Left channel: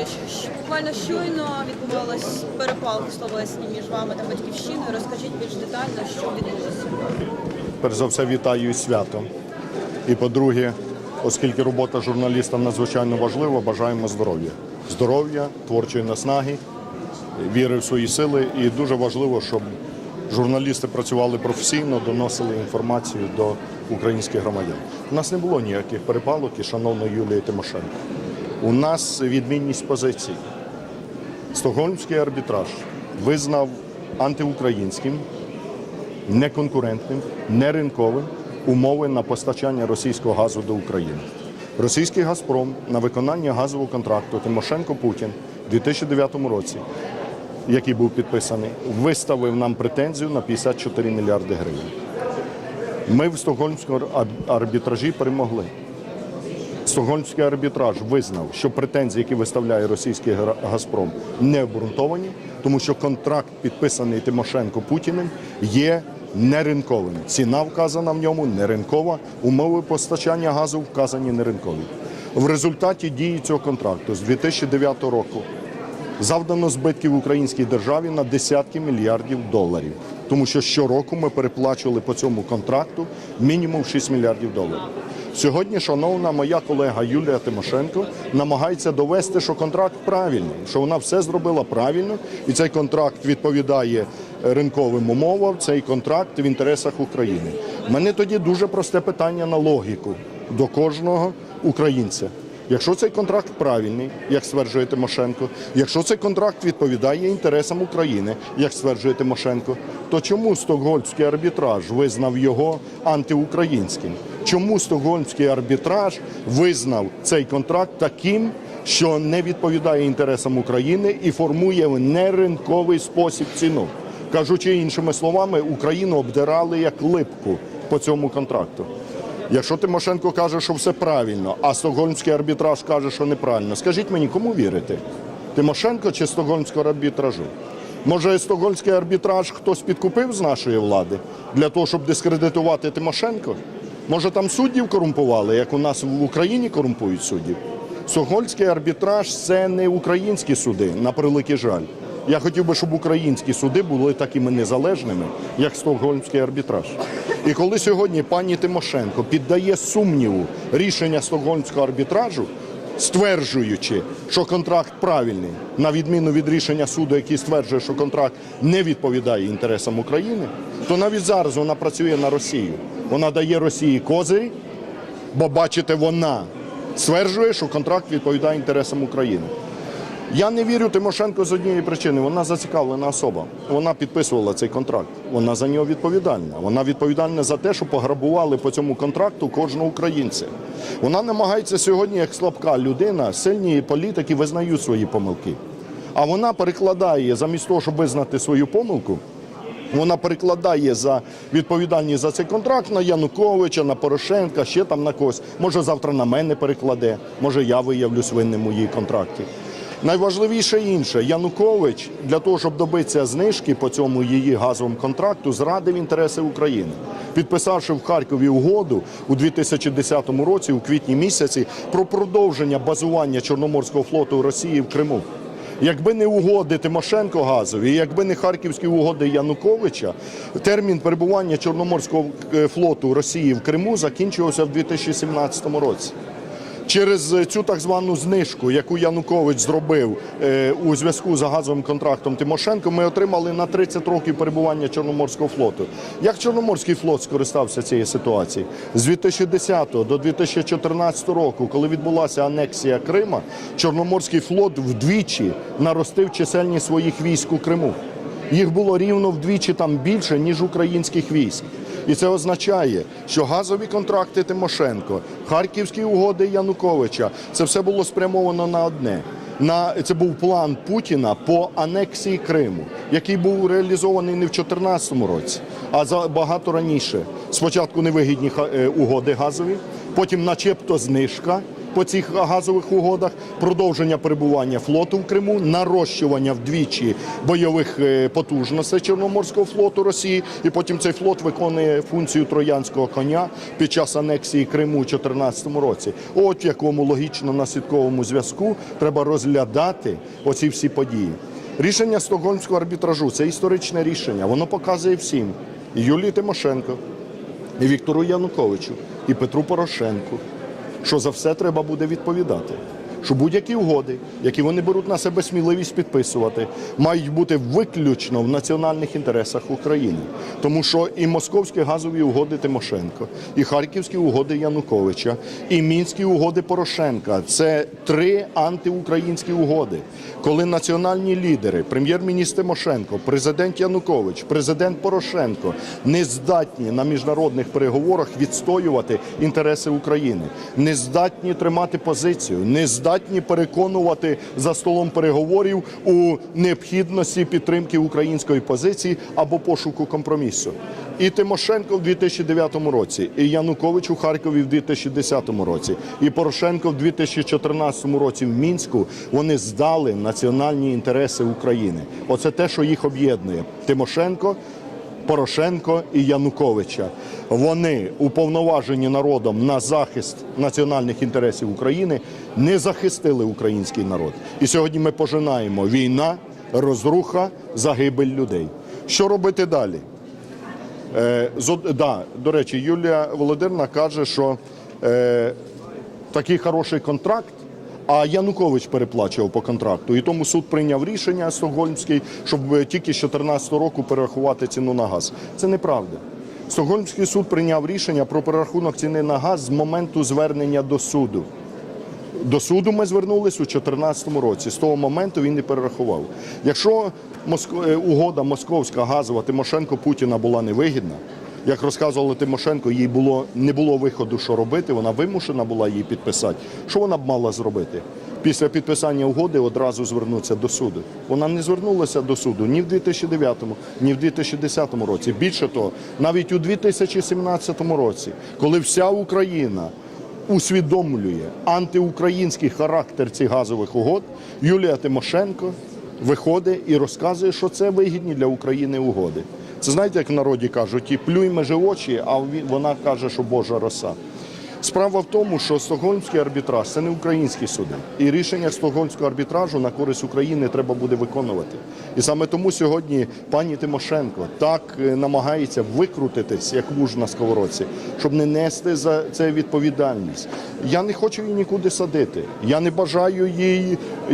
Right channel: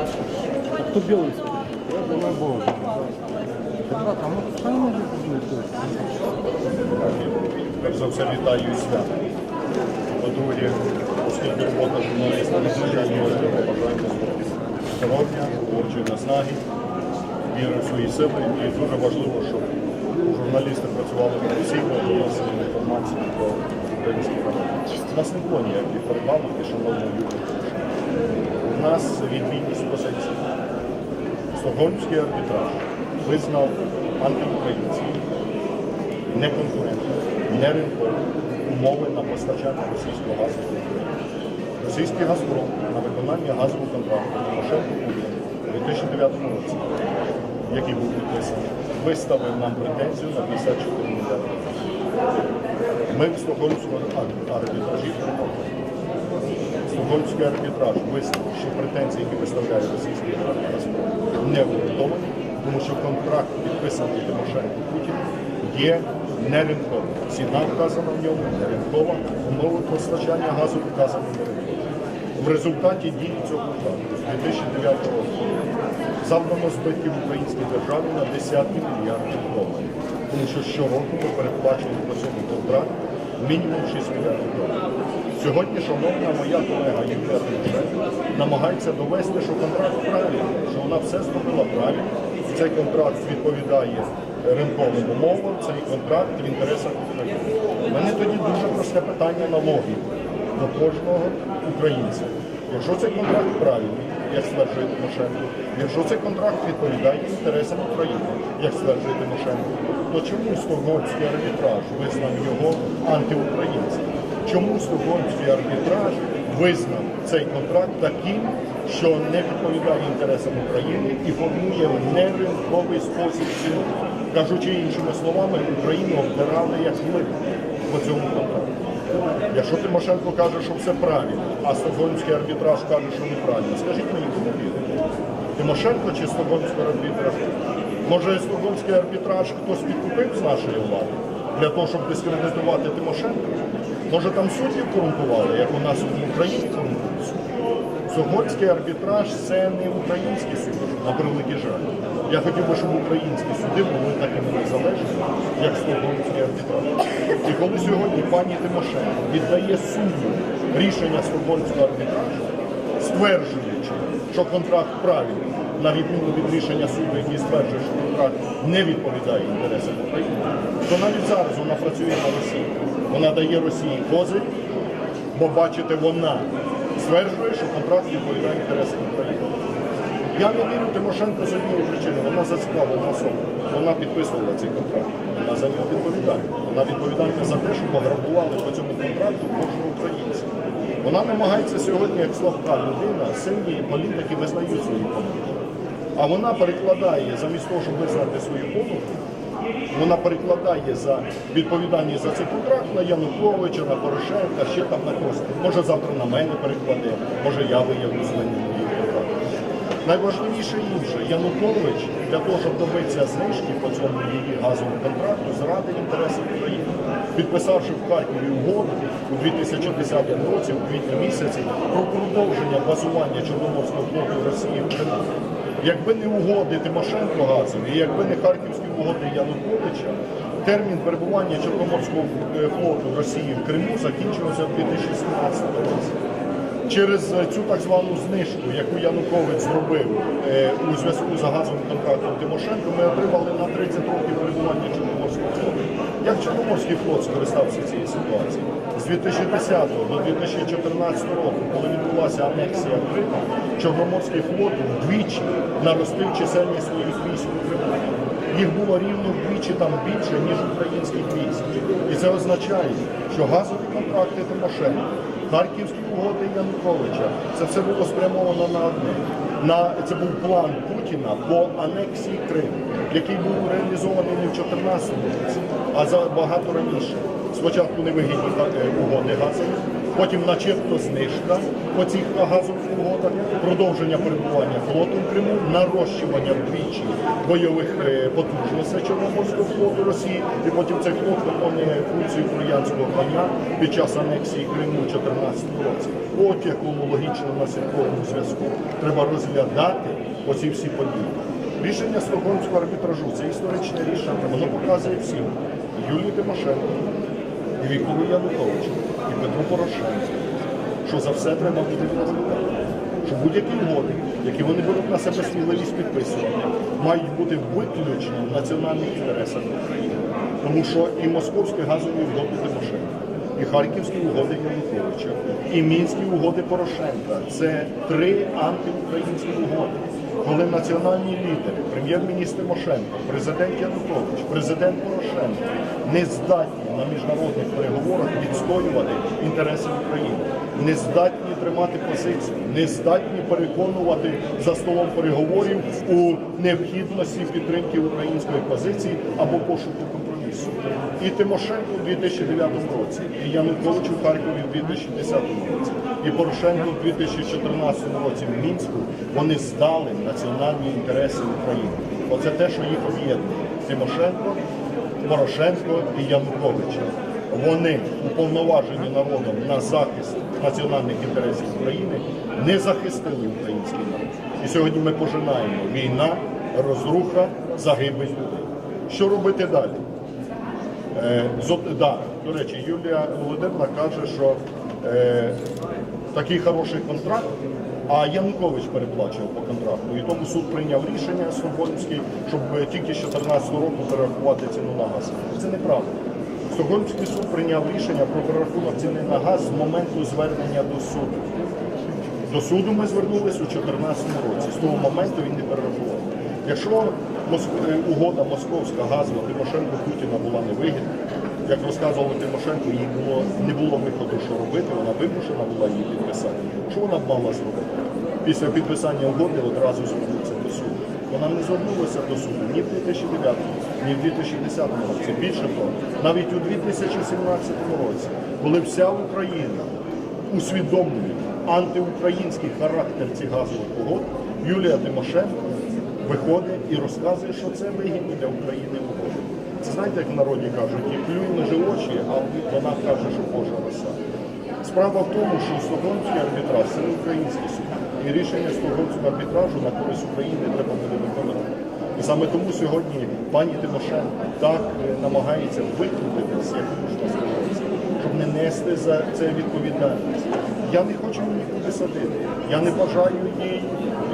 Буквально щойно відбувалась перепалка словесні між вами та батьківщиною. Розкажіть більш детально, що відбулося. Перш за все вітаю із святом. І по-друге, оскільки робота журналіста надзвичайно важлива, бажаємо здоров'я. Здоров'я, творчої наснаги, віри в свої сили. І дуже важливо, щоб журналісти працювали професійно, доносили інформацію до українських громадян. У нас не було ніяких перепалок і шановної Юлії Тимошенко. У нас відмінність позицій. Стокгольмський арбітраж визнав антиукраїнським неконкурентним, неринковим умови на постачання російського газу до України. Російський Газпром на виконання газового контракту Тимошенко Путін у 2009 році, який був підписаний, виставив нам претензію на 54 мільярди гривень. Ми в Стокгольмському арбітражі перемогли. Стокгольмський арбітраж визнав, що претензії, які виставляє російський Газпром, не обґрунтовані, тому що контракт, підписаний Тимошенко Путіним, є неринковим. Ціна вказана в ньому неринкова, умови постачання газу вказані неринкові. В результаті дії цього контракту з 2009 року завдано збитків українській державі на десятки мільярдів доларів, тому що щороку ми переплачували по цьому контракту мінімум 6 мільярдів доларів. Сьогодні, шановна моя колега Юлія Тимошенко намагається довести, що контракт правильний, що вона все зробила правильно, і цей контракт відповідає ринковим умовам. Цей контракт в інтересах України. У мене тоді дуже просте питання на логіку до кожного українця. Якщо цей контракт правильний, як стверджує Тимошенко, якщо цей контракт відповідає інтересам України, як стверджує Тимошенко, то чому стокгольмський арбітраж визнав його антиукраїнським? Чому стокгольмський арбітраж визнав цей контракт таким, що не відповідає інтересам України і формує неринковий спосіб ціну? Кажучи іншими словами, Україну обдирали як липку по цьому контракту. Якщо Тимошенко каже, що все правильно, а Стокгольмський арбітраж каже, що неправильно, скажіть мені, кому вірити? Тимошенко чи Стокгольмського арбітражу? Може, Стокгольмський арбітраж хтось підкупив з нашої влади для того, щоб дискредитувати Тимошенко? Може, там суддів корумпували, як у нас в Україні корумпують суддів? Стокгольмський арбітраж це не українські суди, на превеликий жаль. Я хотів би, щоб українські суди були такими незалежними, як Стокгольмський арбітраж. І коли сьогодні пані Тимошенко піддає сумніву рішення Стокгольмського арбітражу, стверджуючи, що контракт правильний, на відміну від рішення суду, який стверджує, що контракт не відповідає інтересам України, то навіть зараз вона працює на Росію. Вона дає Росії козирі, бо бачите, вона стверджує, що контракт відповідає інтересам України. Я не вірю Тимошенко з однієї причини. Вона зацікавлена особа. Вона підписувала цей контракт. Вона за нього відповідальна. Вона відповідальна за те, що пограбували по цьому контракту кожного українця. Вона намагається сьогодні, як слабка людина, сильні політики визнають свої помилки. А вона перекладає замість того, щоб визнати свою помилку, вона перекладає за відповідальність за цей контракт на Януковича, на Порошенка, ще там на когось. Може завтра на мене перекладе, може я виявлюсь винним у її контракті. Найважливіше інше, Янукович для того, щоб добитися знижки по цьому її газовому контракту, зрадив інтереси України, підписавши в Харкові угоду у 2010 році, у квітні місяці, про продовження базування Чорноморського флоту Росії в Криму. Якби не угоди Тимошенко газові, якби не харківські угоди Януковича, термін перебування Чорноморського е, флоту Росії в Криму закінчувався в 2017 році. Через е, цю так звану знижку, яку Янукович зробив е, у зв'язку з газовим контрактом Тимошенко, ми отримали на 30 років перебування Чорноморського флоту. Як Чорноморський флот скористався цією ситуацією? З 2010 до 2014 року, коли відбулася анексія Крима, Чорноморський флот вдвічі наростив чисельність своїх військ у Криму. Їх було рівно вдвічі там більше, ніж українських військ. І це означає, що газові контракти Тимошенко, харківські угоди Януковича це все було спрямовано на одне. На це був план Путіна по анексії Криму, який був реалізований не в 2014 році, а за багато раніше. Спочатку невигідні е, угоди газові, потім, начебто, знижка, по цих газових угодах, продовження перебування флоту в Криму, нарощування вдвічі бойових е, потужностей Чорноморського флоту Росії, і потім цей флот виконує функцію троянського коня під час анексії Криму у 2014 році. От в якому логічно наслідковому зв'язку треба розглядати оці всі події. Рішення Стокгольмського арбітражу це історичне рішення. Воно показує всім і Юлії Тимошенко, і Віктору Януковичу, і Петру Порошенку, що за все треба буде відповідати. Що будь-які угоди, які вони беруть на себе сміливість підписувати, мають бути виключно в національних інтересах України. Тому що і московські газові угоди Тимошенко, і харківські угоди Януковича, і мінські угоди Порошенка це три антиукраїнські угоди. Коли національні лідери, прем'єр-міністр Тимошенко, президент Янукович, президент Порошенко не здатні на міжнародних переговорах відстоювати інтереси України, не здатні тримати позицію, не здатні переконувати за столом переговорів у необхідності підтримки української позиції або пошуку компромісу. І Тимошенко в 2009 році, і Янукович у Харкові в 2010 році, і Порошенко в 2014 році в Мінську вони здали національні інтереси України. Оце те, що їх об'єднує. Тимошенко. Порошенко і Януковича. Вони уповноважені народом на захист національних інтересів України, не захистили український народ. І сьогодні ми пожинаємо війна, розруха, загибель людей. Що робити далі? Е, зо- да, до речі, Юлія Володимирівна каже, що е, такий хороший контракт. А Янукович переплачував по контракту, і тому суд прийняв рішення Стокгольмський, щоб е, тільки з 2014 року перерахувати ціну на газ. Це неправда. Стокгольмський суд прийняв рішення про перерахунок ціни на газ з моменту звернення до суду. До суду ми звернулися у 2014 році. З того моменту він не перерахував. Якщо е, угода московська газова Тимошенко Путіна була невигідна, як розказували Тимошенко, їй було не було виходу, що робити. Вона вимушена була її підписати. Що вона б мала зробити? Після підписання угоди одразу звернутися до суду. Вона не звернулася до суду ні в 2009, ні в 2010 році. Більше того, навіть у 2017 році, коли вся Україна усвідомлює антиукраїнський характер цих газових угод, Юлія Тимошенко виходить і розказує, що це вигідні для України угоди. Це знаєте, як в народі кажуть, і плюй межи очі, а від- вона каже, що Божа роса. Справа в тому, що Стокгольмський арбітраж це не український суд. І рішення Стокгольмського арбітражу на користь України треба буде виконувати. І саме тому сьогодні пані Тимошенко так е, намагається викрутитись, як луж на сковородці, щоб не нести за це відповідальність. Я не хочу її нікуди садити. Я не бажаю їй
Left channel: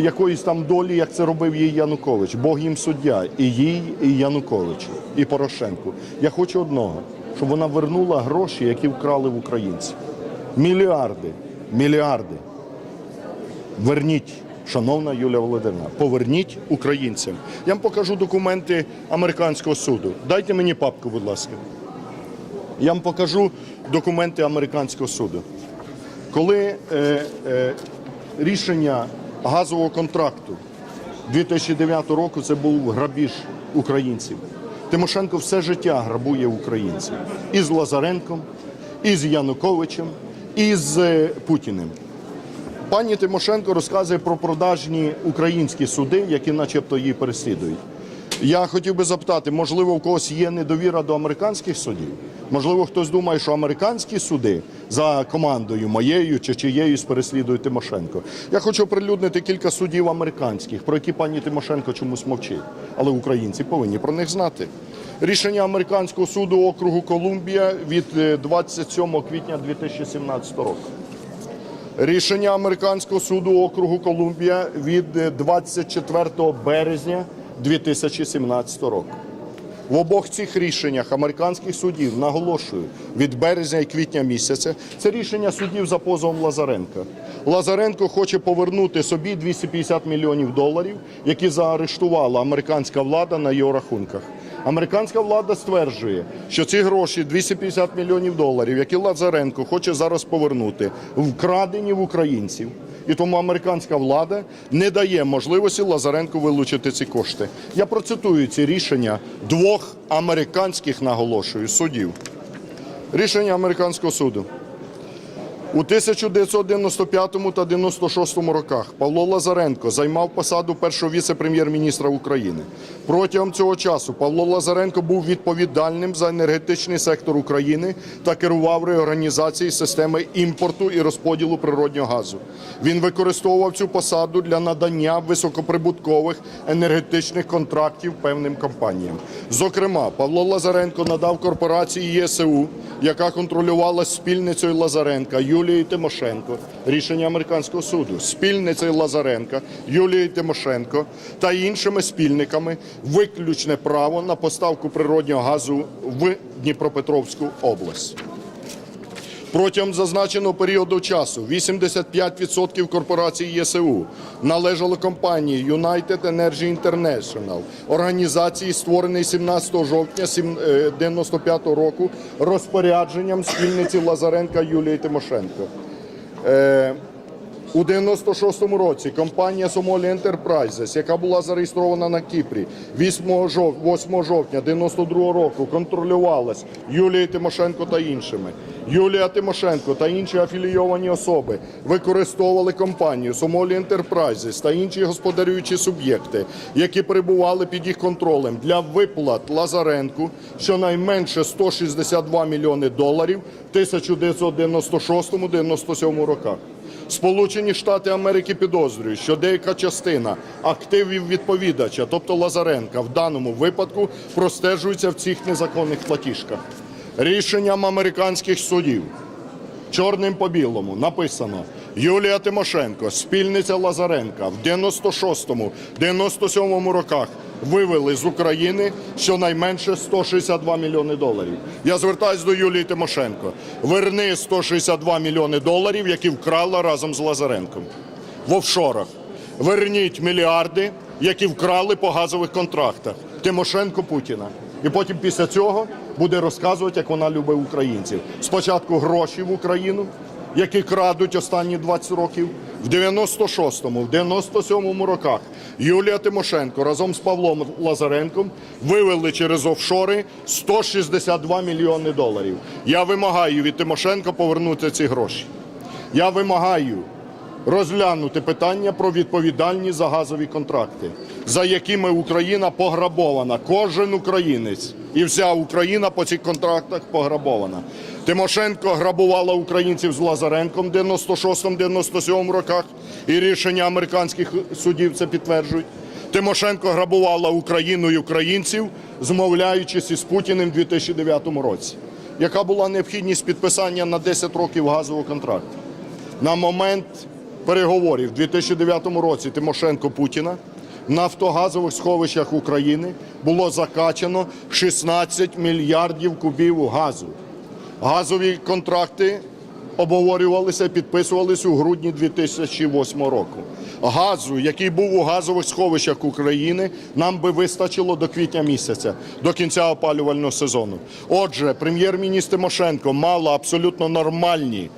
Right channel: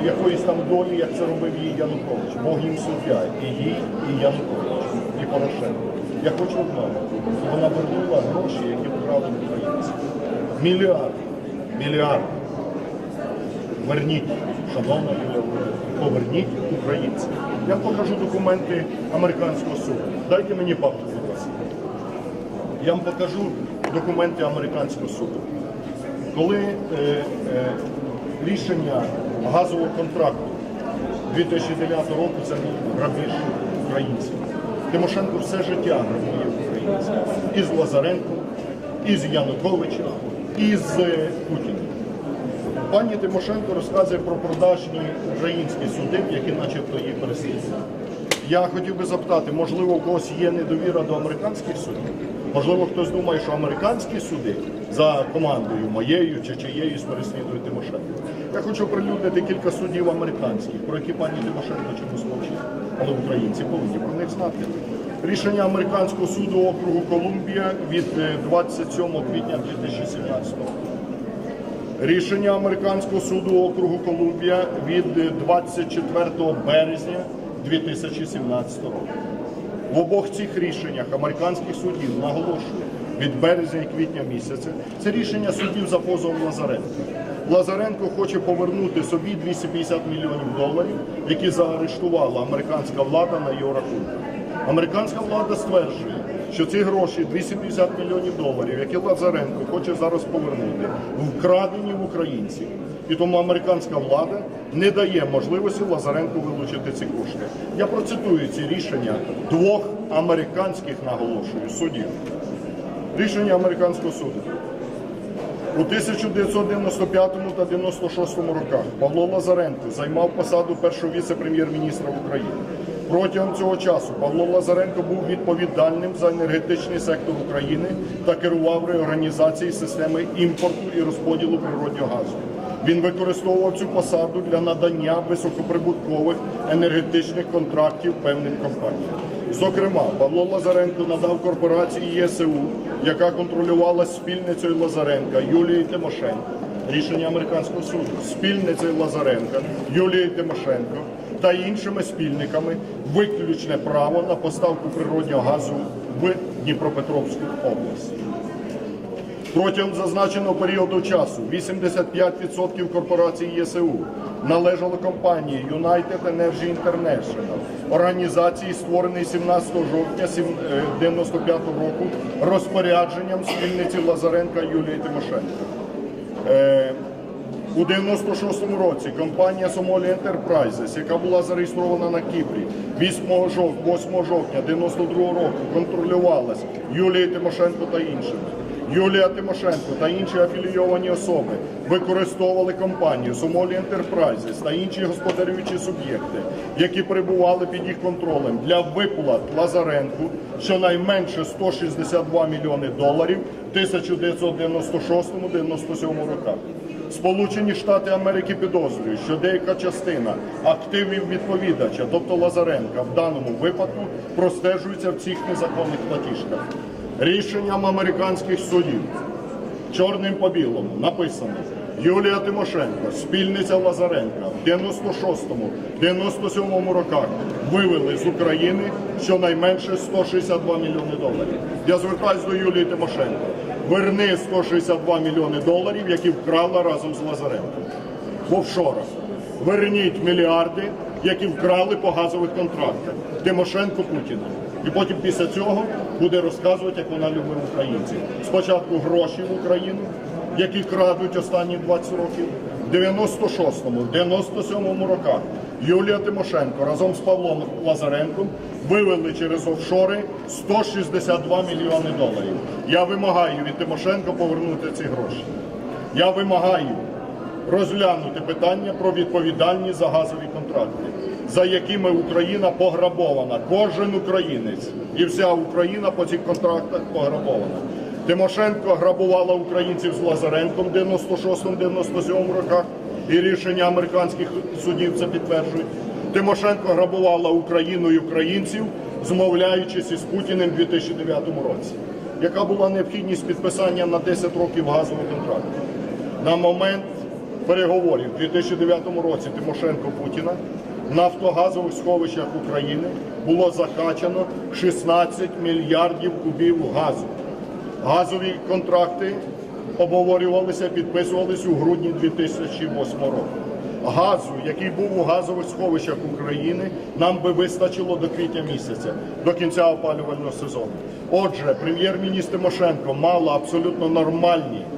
якоїсь там долі, як це робив їй Янукович. Бог їм суддя, і їй, і Янукович, і Порошенко. Я хочу одного, щоб вона вернула гроші, які вкрали в українців. Мільярди, мільярди. Верніть, шановна Юлія Володимирівна, поверніть українцям. Я вам покажу документи американського суду. Дайте мені папку, будь ласка. Я вам покажу документи американського суду. Коли е, е, рішення газового контракту 2009 року це був грабіж українців. Тимошенко все життя грабує українців. І з Лазаренком, і з Януковичем, і з е, Путіним. Пані Тимошенко розказує про продажні українські суди, які начебто її переслідують. Я хотів би запитати, можливо, у когось є недовіра до американських судів? Можливо, хтось думає, що американські суди за командою моєю чи чиєюсь переслідують Тимошенко. Я хочу оприлюднити кілька судів американських, про які пані Тимошенко чомусь мовчить. Але українці повинні про них знати. Рішення американського суду округу Колумбія від е, 27 квітня 2017 року. Рішення американського суду округу Колумбія від е, 24 березня 2017 року. В обох цих рішеннях американських судів наголошую від березня і квітня місяця. Це рішення судів за позовом Лазаренка. Лазаренко хоче повернути собі 250 мільйонів доларів, які заарештувала американська влада на його рахунках. Американська влада стверджує, що ці гроші 250 мільйонів доларів, які Лазаренко хоче зараз повернути, вкрадені в українців. І тому американська влада не дає можливості Лазаренку вилучити ці кошти. Я процитую ці рішення двох американських наголошую судів. Рішення американського суду. У 1995 та 96 роках Павло Лазаренко займав посаду першого віце-прем'єр-міністра України. Протягом цього часу Павло Лазаренко був відповідальним за енергетичний сектор України та керував реорганізацією системи імпорту і розподілу природнього газу. Він використовував цю посаду для надання високоприбуткових енергетичних контрактів певним компаніям. Зокрема, Павло Лазаренко надав корпорації ЄСУ, яка контролювала спільницею Лазаренка Юлією Тимошенко, рішення американського суду, спільницею Лазаренка Юлією Тимошенко та іншими спільниками виключне право на поставку природнього газу в Дніпропетровську область. Протягом зазначеного періоду часу 85% корпорацій ЄСУ належало компанії United Energy International, організації, створеної 17 жовтня 1995 року розпорядженням спільниці Лазаренка Юлії Тимошенко. У 96-му році компанія Сомолі Enterprises, яка була зареєстрована на Кіпрі 8 жов- 8 жовтня 92 року, контролювалась Юлією Тимошенко та іншими. Юлія Тимошенко та інші афілійовані особи використовували компанію Somali Enterprises та інші господарюючі суб'єкти, які перебували під їх контролем для виплат Лазаренку щонайменше 162 мільйони доларів в 1996-97 роках. Сполучені Штати Америки підозрюють, що деяка частина активів відповідача, тобто Лазаренка, в даному випадку простежується в цих незаконних платіжках. Рішенням американських судів чорним по білому написано Юлія Тимошенко, спільниця Лазаренка в 96-97 роках вивели з України щонайменше 162 мільйони доларів. Я звертаюсь до Юлії Тимошенко. Верни 162 мільйони доларів, які вкрала разом з Лазаренком в офшорах. Верніть мільярди, які вкрали по газових контрактах. Тимошенко Путіна. І потім після цього буде розказувати, як вона любить українців. Спочатку гроші в Україну, які крадуть останні 20 років. В 96-му, в 97-му роках Юлія Тимошенко разом з Павлом Лазаренком вивели через офшори 162 мільйони доларів. Я вимагаю від Тимошенко повернути ці гроші. Я вимагаю розглянути питання про відповідальність за газові контракти, за якими Україна пограбована. Кожен українець і вся Україна по цих контрактах пограбована. Тимошенко грабувала українців з Лазаренком в 96-97 роках, і рішення американських судів це підтверджують. Тимошенко грабувала Україну і українців, змовляючись із Путіним у 2009 році. Яка була необхідність підписання на 10 років газового контракту? На момент переговорів у 2009 році Тимошенко Путіна в нафтогазових сховищах України було закачано 16 мільярдів кубів газу. Газові контракти обговорювалися, підписувалися у грудні 2008 року. Газу, який був у газових сховищах України, нам би вистачило до квітня місяця, до кінця опалювального сезону. Отже, прем'єр-міністр Тимошенко мала абсолютно нормальні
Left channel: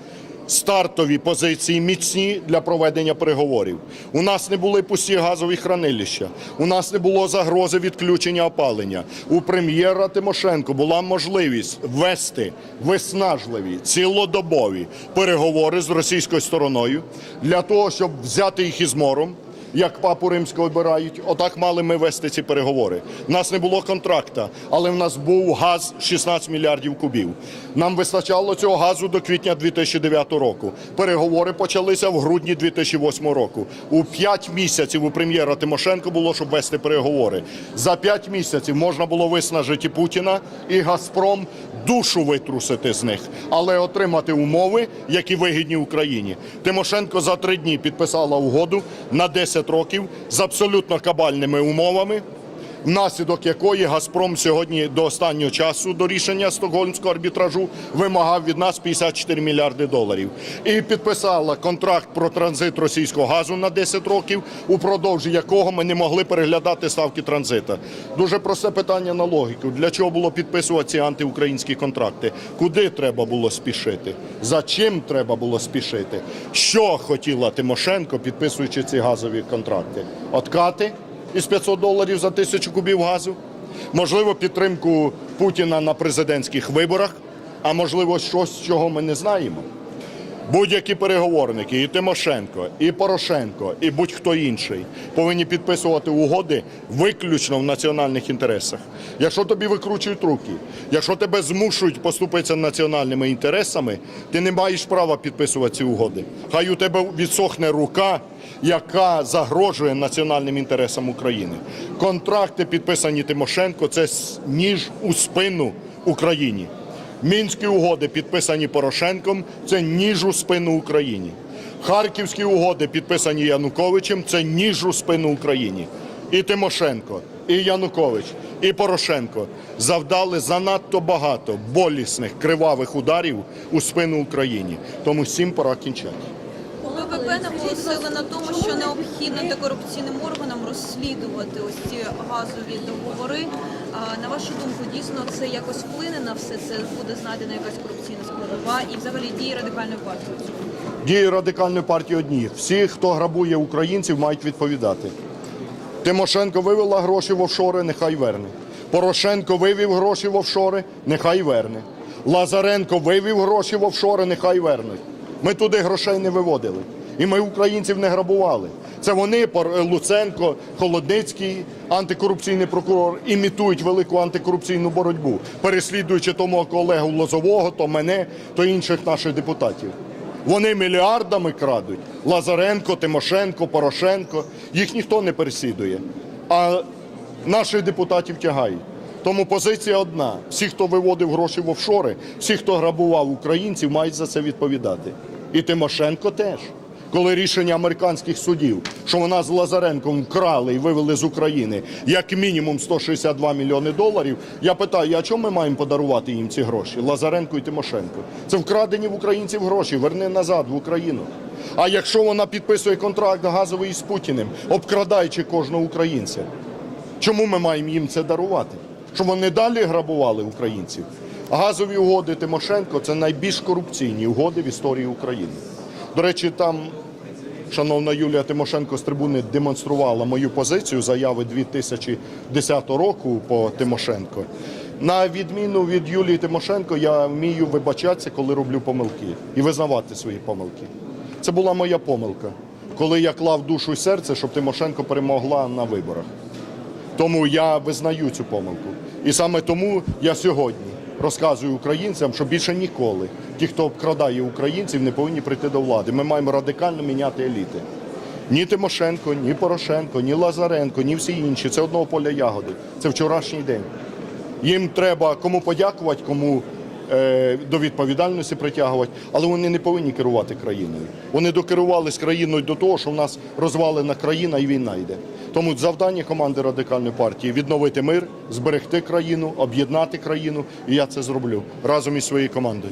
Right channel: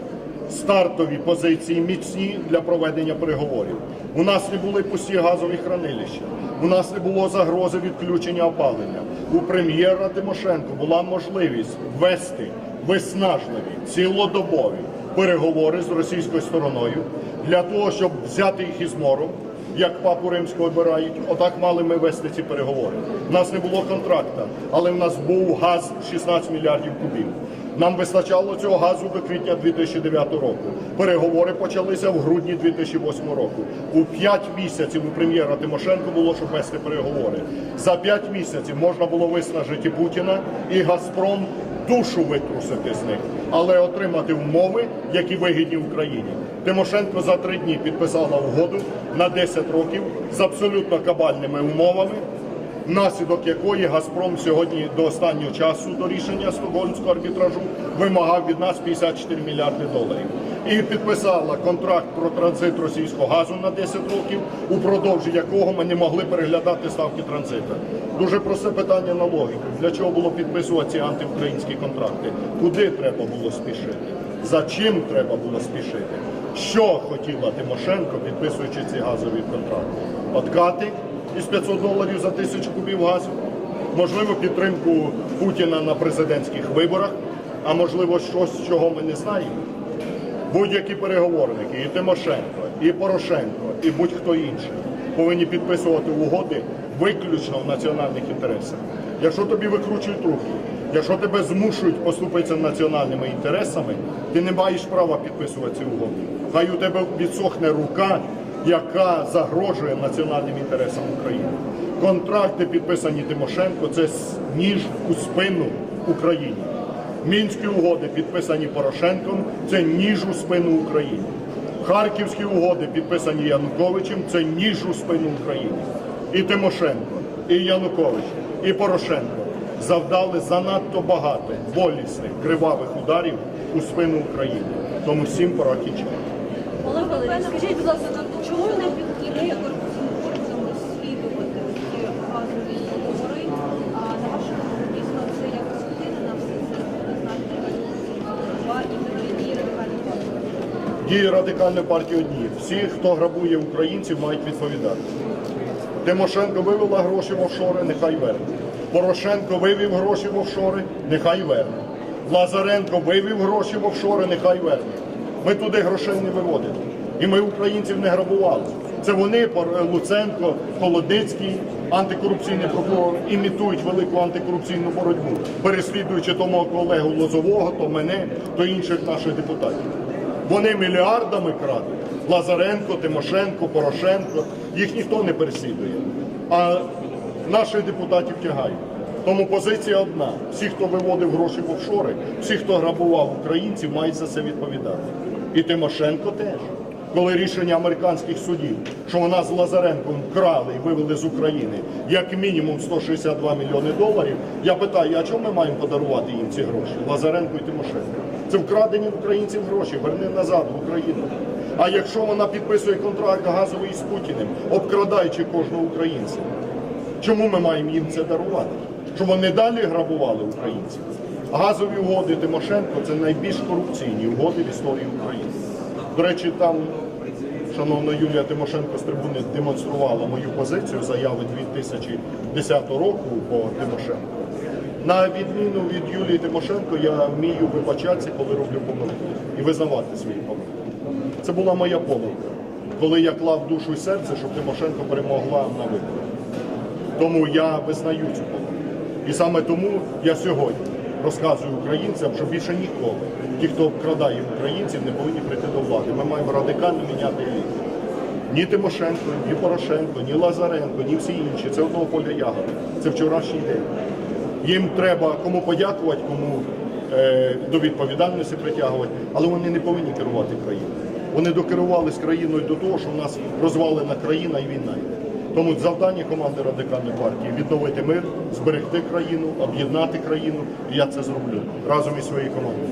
стартові позиції міцні для проведення переговорів. У нас не були пусті газові хранилища, у нас не було загрози відключення опалення. У прем'єра Тимошенко була можливість вести виснажливі цілодобові переговори з російською стороною для того, щоб взяти їх із мором як папу римського обирають, отак мали ми вести ці переговори. У нас не було контракта, але в нас був газ 16 мільярдів кубів. Нам вистачало цього газу до квітня 2009 року. Переговори почалися в грудні 2008 року. У 5 місяців у прем'єра Тимошенко було, щоб вести переговори. За 5 місяців можна було виснажити Путіна і Газпром душу витрусити з них, але отримати умови, які вигідні Україні. Тимошенко за три дні підписала угоду на 10 років з абсолютно кабальними умовами. Внаслідок якої Газпром сьогодні до останнього часу до рішення стокгольмського арбітражу вимагав від нас 54 мільярди доларів і підписала контракт про транзит російського газу на 10 років, упродовж якого ми не могли переглядати ставки транзита. Дуже просте питання на логіку. Для чого було підписувати ці антиукраїнські контракти? Куди треба було спішити? За чим треба було спішити? Що хотіла Тимошенко, підписуючи ці газові контракти? Откати? Із 500 доларів за тисячу кубів газу, можливо, підтримку Путіна на президентських виборах, а можливо, щось, чого ми не знаємо. Будь-які переговорники, і Тимошенко, і Порошенко, і будь-хто інший повинні підписувати угоди виключно в національних інтересах. Якщо тобі викручують руки, якщо тебе змушують поступитися національними інтересами, ти не маєш права підписувати ці угоди. Хай у тебе відсохне рука, яка загрожує національним інтересам України. Контракти, підписані Тимошенко, це ніж у спину Україні. Мінські угоди, підписані Порошенком, це ніж у спину Україні. Харківські угоди, підписані Януковичем, це ніж у спину Україні. І Тимошенко, і Янукович, і Порошенко завдали занадто багато болісних кривавих ударів у спину Україні. Тому всім пора кінчати. ОПП наголосила на тому, що необхідно антикорупційним органам розслідувати ось ці газові договори. А на вашу думку, дійсно це якось вплине на все це? Буде знайдена якась корупційна складова і взагалі дії радикальної партії? Дії радикальної партії одні. Всі, хто грабує українців, мають відповідати. Тимошенко вивела гроші в офшори, нехай верне. Порошенко вивів гроші в офшори, нехай верне. Лазаренко вивів гроші в офшори, нехай верне. Ми туди грошей не виводили. І ми українців не грабували. Це вони, Луценко, Холодницький, антикорупційний прокурор, імітують велику антикорупційну боротьбу, переслідуючи то мого колегу Лозового, то мене, то інших наших депутатів. Вони мільярдами крадуть. Лазаренко, Тимошенко, Порошенко. Їх ніхто не переслідує. А наших депутатів тягають. Тому позиція одна: всі, хто виводив гроші в офшори, всі, хто грабував українців, мають за це відповідати. І Тимошенко теж. Коли рішення американських судів, що вона з Лазаренком вкрали і вивели з України як мінімум 162 мільйони доларів, я питаю, а чому ми маємо подарувати їм ці гроші? Лазаренко і Тимошенко. Це вкрадені в українців гроші, верни назад в Україну. А якщо вона підписує контракт газовий з Путіним, обкрадаючи кожного українця, чому ми маємо їм це дарувати? Щоб вони далі грабували українців? Газові угоди Тимошенко це найбільш корупційні угоди в історії України. До речі, там шановна Юлія Тимошенко з трибуни демонструвала мою позицію заяви 2010 року по Тимошенко. На відміну від Юлії Тимошенко, я вмію вибачатися, коли роблю помилки, і визнавати свої помилки. Це була моя помилка, коли я клав душу і серце, щоб Тимошенко перемогла на виборах. Тому я визнаю цю помилку. І саме тому я сьогодні розказую українцям, що більше ніколи ті, хто обкрадає українців, не повинні прийти до влади. Ми маємо радикально міняти еліти. Ні Тимошенко, ні Порошенко, ні Лазаренко, ні всі інші. Це одного поля ягоди. Це вчорашній день. Їм треба кому подякувати, кому е, до відповідальності притягувати, але вони не повинні керувати країною. Вони докерувались країною до того, що в нас розвалена країна і війна йде. Тому завдання команди радикальної партії відновити мир, зберегти країну, об'єднати країну. І я це зроблю разом із своєю командою.